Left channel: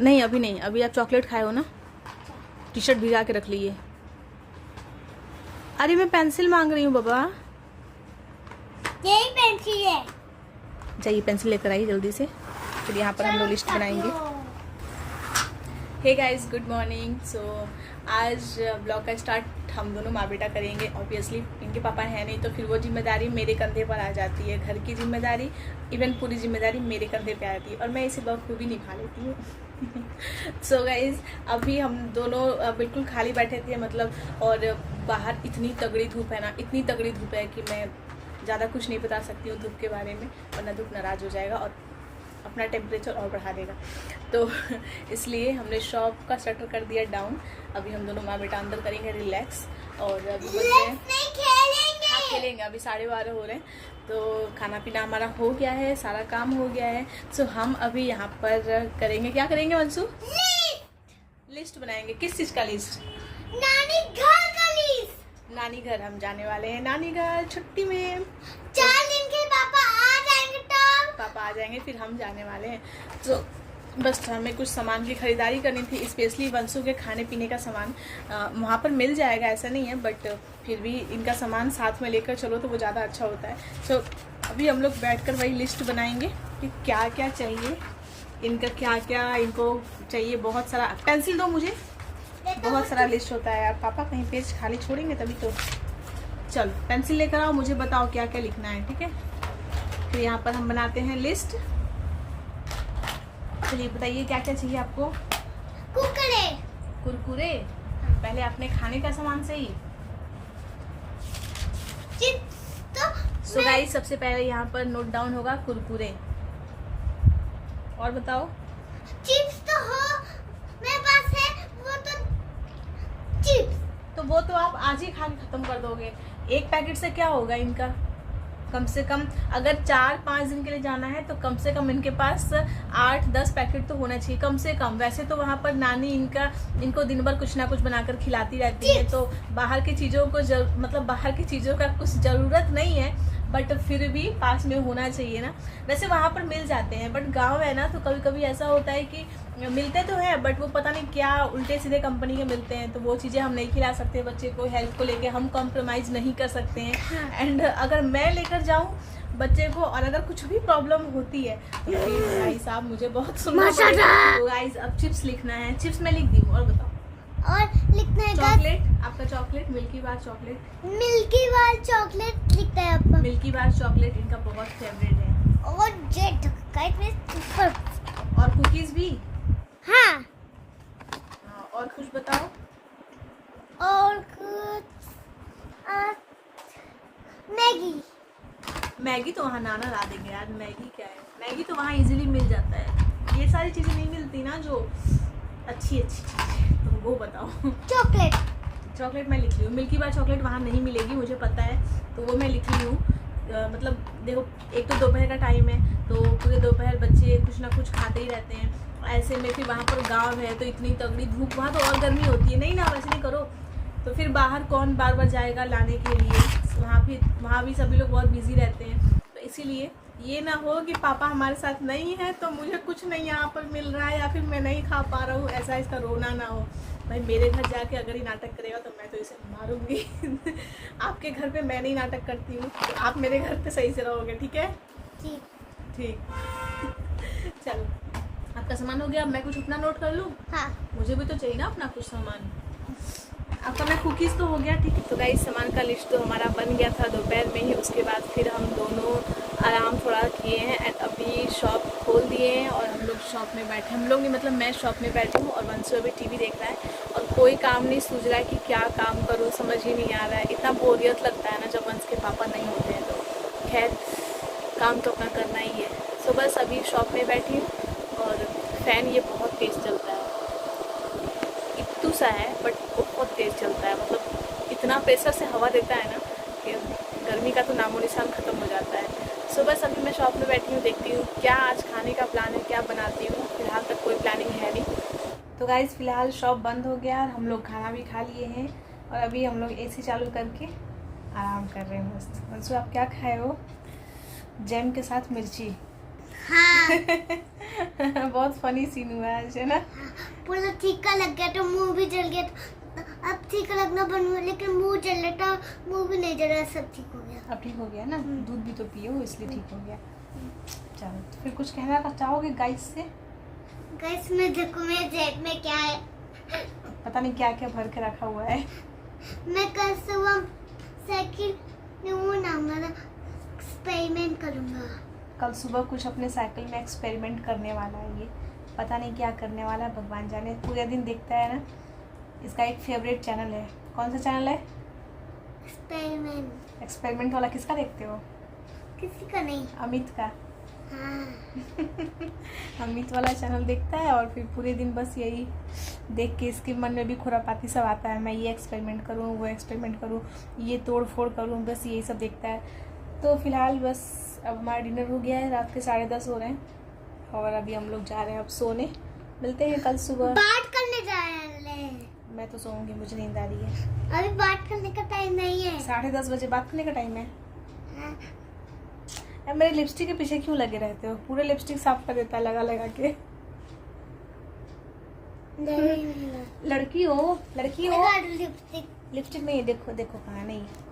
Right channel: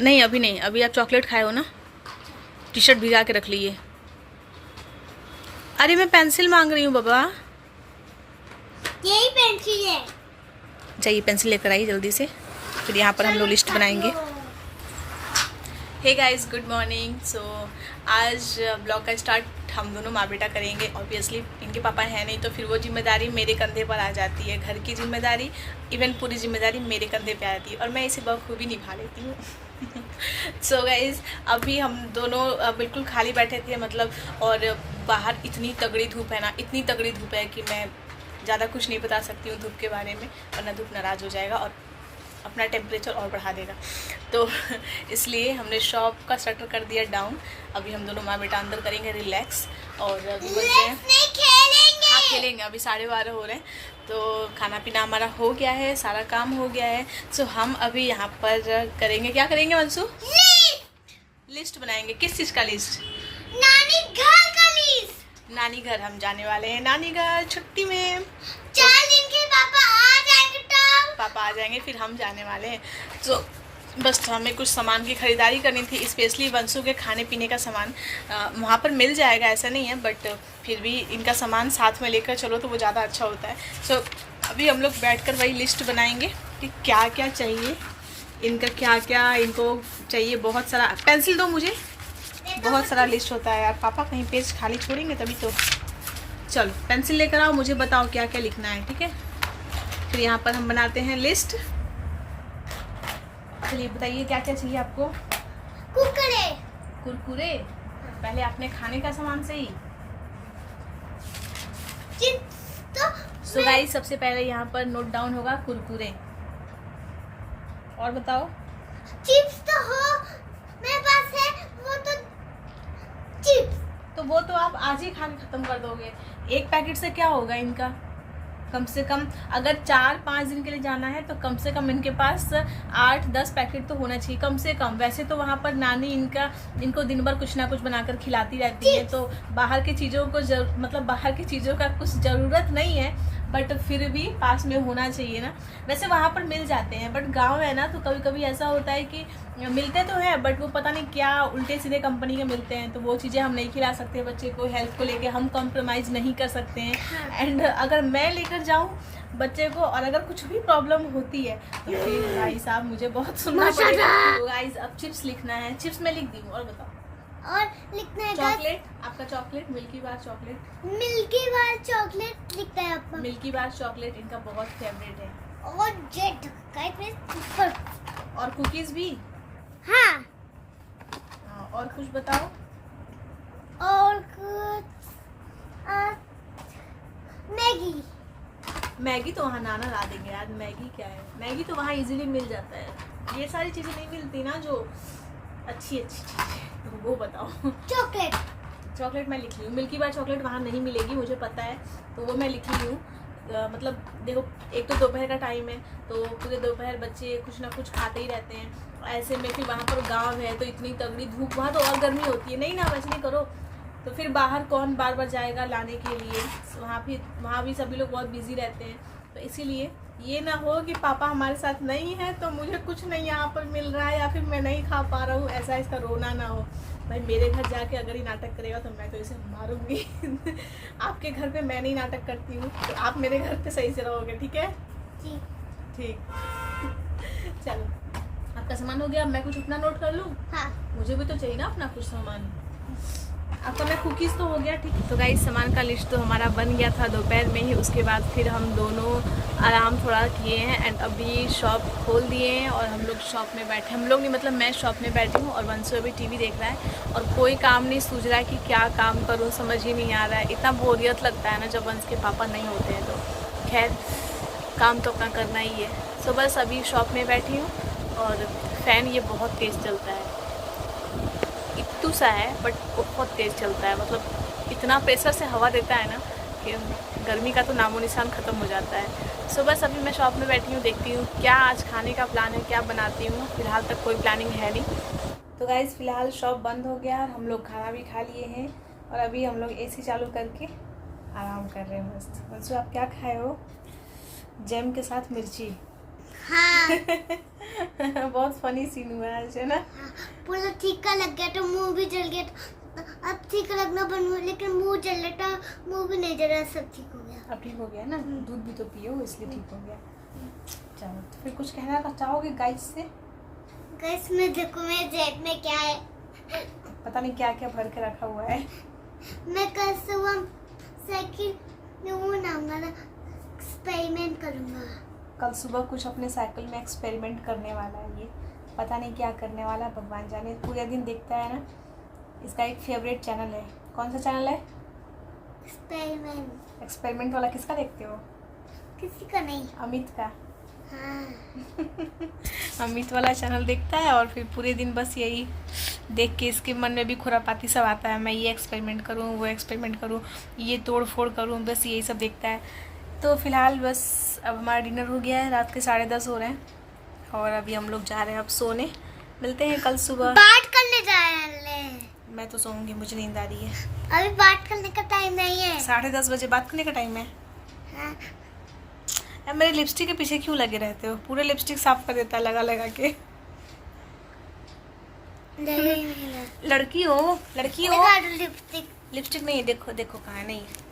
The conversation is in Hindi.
नहीं अभी नहीं, अभी आप चॉकलेट खाए हो ना। टी शर्ट भिगा के रख लीजिए। अरे मैं पेंसिल मांग रही हूँ बाबा। यही पेंसिल है। चाहिए पेंसिल लेकर आइए जल्दी से, फिर यहाँ पर हम लोग लिस्ट बनाएंगे। Hey guys, good morning. So आज ब्लॉग का स्टार्ट हम दोनों माँ बेटा करेंगे। ऑब्वियसली इनके पापा हैं नहीं, तो फिर वो जिम्मेदारी मेरे कंधे पर आ जाती है। घर की जिम्मेदारी, इवन पूरी जिम्मेदारी मेरे कंधे पे आती है, और मैं इसे बखूबी निभा लेती हूँ। सो गाइस, अभी हम दोनों बिल्कुल खाली बैठे थे, मतलब, और बाहर इतनी तगड़ी धूप है ना, इतनी तगड़ी धूप है कि मैं ज़्यादा कुछ नहीं बता सकती हूँ धूप के बारे में, वरना धूप नाराज़ हो जाएगा और अपना टेम्परेचर और बढ़ा देगा। तो इसलिए हमने शॉप का शटर कर दिया डाउन। अभी हम दोनों माँ बेटा अंदर करेंगे रिलैक्स। और अभी बज रहे हैं, हाँ खेलेंगे, अभी 12:30 हो रहे हैं। तो खाना पीना हमारा हो गया है, सारा काम हो गया है। सो हम अभी यहाँ पर करेंगे, क्या करेंगे मंसू? लिस्ट बनाएंगे। किस चीज़ का लिस्ट? नानी घर का लिस्ट। नानी घर हम जाने वाले हैं, नानी घर छुट्टी में। इनके पापा आ जाएंगे तब। पापा आ जाएंगे फिर हम जाने वाले हैं। तो बस हमें कुछ सामान की ख़रीदारी करनी थी, स्पेशली वंशु के खाने पीने का सामान। वहाँ पर मिल जाएगा ऐसा नहीं है, बट फिर भी इनका सामान साथ में लेकर चलो तो वो ज़्यादा अच्छा होता है। सो अभी हम लोग बैठकर वही लिस्ट बनाएंगे कि क्या क्या चाहिए इनका, क्या क्या इनको चाहिए। बहुत सारा पेंसिल दो मुझे, बहुत सारा लिस्ट होता है यार। पापा कहीं पेज खाली छोड़ेंगे तभी तो। चलो पेंसिल लेकर आओ, मुझे बताओ क्या क्या लिखना है, ठीक है? फिर यहाँ पर हम बनाते हैं लिस्ट। चलिए बताइए क्या क्या चाहिए आपको? कुरकुरे। कुरकुरे? पहले अपने खाने का सामान सही। तो सो गाइस, सबसे पहले यहाँ पर नोट डाउन होगा कुरकुरे। और बताओ? चिप्स तो हो मेरे पास है, वो तो चिप्स। तो वो तो आप आज ही खा के ख़त्म कर दोगे। एक पैकेट से क्या होगा इनका? कम से कम अगर 4-5 दिन के लिए जाना है तो कम से कम इनके पास 8-10 पैकेट तो होना चाहिए कम से कम। वैसे तो वहाँ पर नानी इनको दिन भर कुछ ना कुछ बनाकर खिलाती रहती है, तो बाहर की चीज़ों को मतलब बाहर की चीज़ों का कुछ ज़रूरत नहीं है, बट फिर भी पास में होना चाहिए ना। वैसे वहाँ पर मिल जाते हैं, बट गांव है ना, तो कभी कभी ऐसा होता है कि मिलते तो हैं बट वो पता नहीं क्या उल्टे सीधे कंपनी के मिलते हैं, तो वो चीज़ें हम नहीं खिला सकते बच्चे को। हेल्थ को लेके हम कॉम्प्रोमाइज़ नहीं कर सकते हैं। एंड अगर मैं लेकर जाऊँ बच्चे को और अगर कुछ भी प्रॉब्लम होती है तो फिर भाई साहब मुझे बहुत सुनना पड़ेगा। तो गाइस, अब चिप्स लिखना है। चिप्स मैं लिख दी हूँ। और बताओ? और लिखना है चॉकलेट। आपका चॉकलेट मिल्की बार चॉकलेट। मिल्की बार चॉकलेट लिखता है आपका। मिल्की बार चॉकलेट इनका बहुत फेवरेट है। और जेड और कुकीज़ भी। हाँ। और कुछ बताओ? और कुछ मैगी। मैगी तो वहाँ नाना ला देंगे यार। मैगी क्या है? मैगी तो वहाँ इजीली मिल जाता है। ये सारी चीज़ें नहीं मिलती ना जो अच्छी चीज़ें, तो वो बताओ। चॉकलेट। चॉकलेट मैं लिख ली हूँ। मिल्की बार चॉकलेट वहाँ नहीं मिलेगी मुझे पता है, तो वो मैं लिख ली हूँ। मतलब देखो, एक तो दोपहर का टाइम है, तो पूरे दोपहर बच्चे कुछ ना कुछ खाते ही रहते हैं। ऐसे में फिर वहाँ पर गांव है तो इतनी तगड़ी धूप, वहाँ तो और गर्मी होती है। नहीं ना, वैसे नहीं करो तो फिर बाहर कौन बार बार जाएगा लाने के लिए। वहाँ भी सभी लोग बहुत बिजी रहते हैं, तो इसीलिए ये ना हो कि पापा हमारे साथ नहीं है तो मुझे कुछ नहीं यहाँ पर मिल रहा है या फिर मैं नहीं खा पा रहा हूँ, ऐसा इसका रोना ना हो। भाई मेरे घर जाके अगर ये नाटक करेगा तो मैं तो इसे मारूंगी। आपके घर पे मैं नहीं नाटक करती हूँ, तो आप मेरे घर पे सही से रहोगे, ठीक है? ठीक। चलो, आपका सामान हो गया। मैं कुछ अपना नोट कर लूँ? हाँ। मुझे भी तो चाहिए ना अपना कुछ सामान। आपका मैं कुकीज़ तो हो गया, ठीक है? तो गाइस, सामान का लिस्ट तो हमारा बन गया था दोपहर में ही। उसके बाद फिर हम दोनों आराम थोड़ा किए हैं एंड अभी शॉप खोल दिए हैं और हम लोग शॉप में बैठे। हम लोग नहीं, मतलब मैं शॉप में बैठी हूँ और वंशु अभी टीवी देख रहा है और कोई काम नहीं सूझ रहा है कि क्या काम करूँ, समझ ही नहीं आ रहा है। इतना बोरियत लगता है ना जब वंश के पापा नहीं होते हैं, तो खैर काम तो अपना करना ही है। सो बस अभी शॉप में बैठी हूँ और फ़ैन ये बहुत तेज़ चलता है। इट्टू सा है बट बहुत तेज़ चलता है, मतलब इतना प्रेशर से हवा देता है ना कि गर्मी का तो नामो निशान ख़त्म हो जाता है। सो बस अभी मैं शॉप में बैठी हूँ, देखती हूँ क्या आज खाने का प्लान है, क्या बनाती हूँ। फिलहाल तक कोई प्लानिंग है नहीं। तो गाइस, फिलहाल शॉप बंद हो गया और हम लोग खाना भी खा लिए हैं और अभी हम लोग AC चालू करके आराम कर रहे हैं मस्त। वंशु, आप क्या खाए हो? जैम के साथ मिर्ची। हाँ। बहुत फनी सीन हुआ है आज, है ना? हाँ, पूरा तीखा लग गया तो मुंह भी जल गया, तो अब तीखा लगना बंद हुआ, लेकिन मुंह जल रहा था, मुंह भी नहीं जल रहा, सब ठीक हो गया। अब ठीक हो गया ना? दूध भी तो पियो, इसलिए ठीक हो गया। चलो, तो फिर कुछ कहना चाहोगे गाइस से? गाइस मैं देखो मेरे जेब में क्या है, पता नहीं क्या क्या भर के रखा हुआ है। मैं कल सुबह साइकिल में वो नाम एक्सपेरिमेंट करूँगा। कल सुबह कुछ अपने साइकिल में एक्सपेरिमेंट करने वाला है ये, पता नहीं क्या करने वाला है, भगवान जाने। पूरे दिन देखता है ना। इसका एक फेवरेट चैनल है। कौन सा चैनल है? एक्सपेरिमेंट। एक्सपेरिमेंट वाला किसका देखते हो? किसी का नहीं। अमित का। हाँ। अमित वाला चैनल देखता है और फिर पूरे दिन बस यही देख के इसके मन में भी खुरापाती सब आता है। मैं ये एक्सपेरिमेंट करूँ, वो एक्सपेरिमेंट करूँ, ये तोड़ फोड़ करूँ, बस यही सब देखता है। तो फिलहाल बस अब हमारा डिनर हो गया है, रात के 10:30 हो रहे हैं और अभी हम लोग जा रहे हैं अब सोने। मिलते हैं कल सुबह। बात करने जा रहे हैं। मैं तो सोऊंगी, मुझे नींद आ रही है। अभी बात करने का टाइम नहीं है। 10:30 बजे बात करने का टाइम है। हाँ। अब मेरे लिपस्टिक के पीछे क्यों लगे रहते हो? पूरे लिपस्टिक साफ कर देता है लगा लगा के। लड़की हो, लड़की हो। लिपस्टिक लिपस्टिक नहीं है, देखो देखो कहाँ नहीं है।